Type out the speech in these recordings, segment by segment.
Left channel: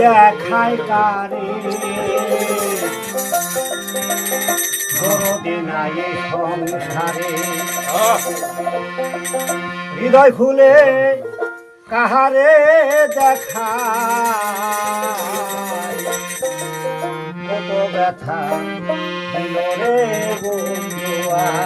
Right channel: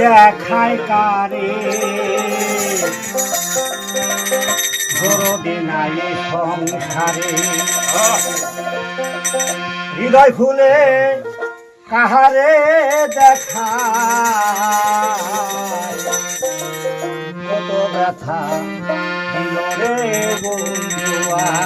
দেখায় কারে। হৃদয় খুলে কাহারে দেখা কত ব্যথা দিল বন্ধুয়া।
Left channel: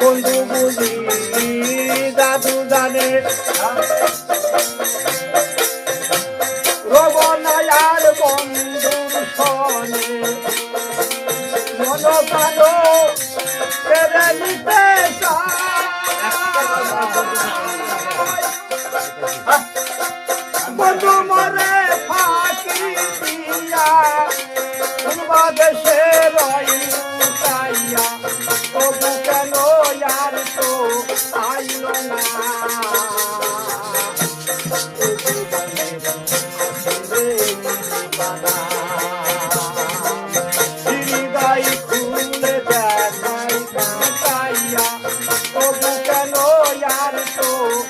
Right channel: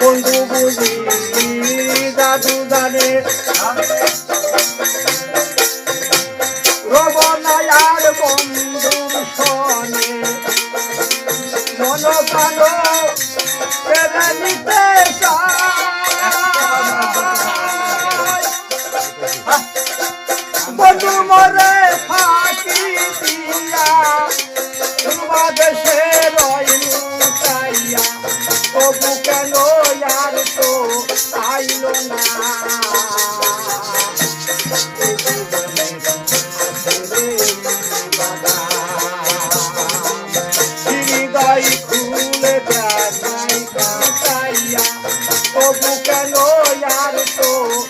বন্ধু বুঝি দাদু জানে রবনায়ার বন্ধুর সনে মন প্রাণ নিতে। বন্ধু মরে ফাঁকি দিয়া বাংলাদেশে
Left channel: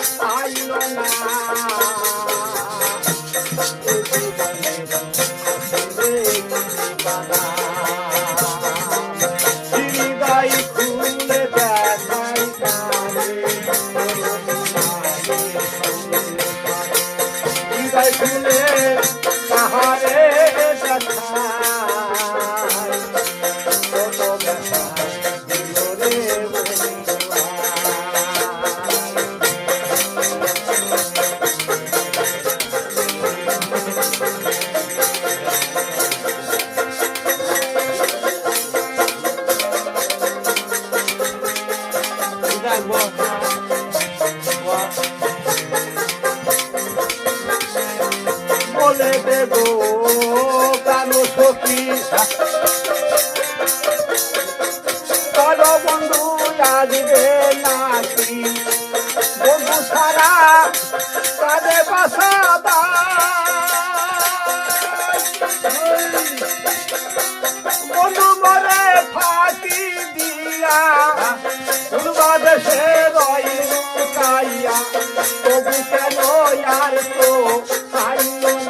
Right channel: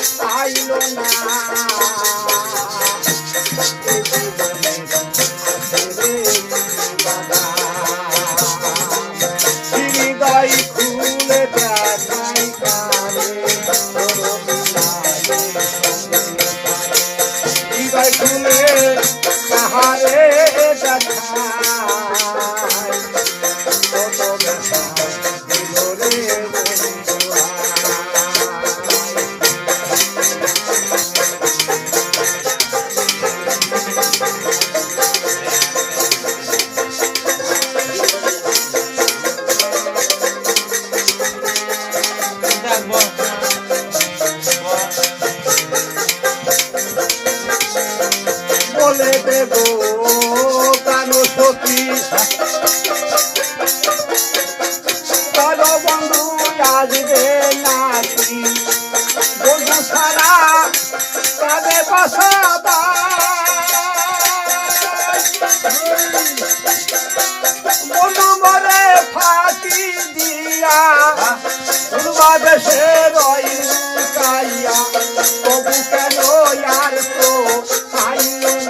愛のな দেব, প্রাণ সখী চল বন্ধু আসবে নাকি বন্ধু সারা তাদের বাসা বন্ধু মরে ফাঁকি দিয়া রইল চাইয়া তবু কেন আর তো পাইল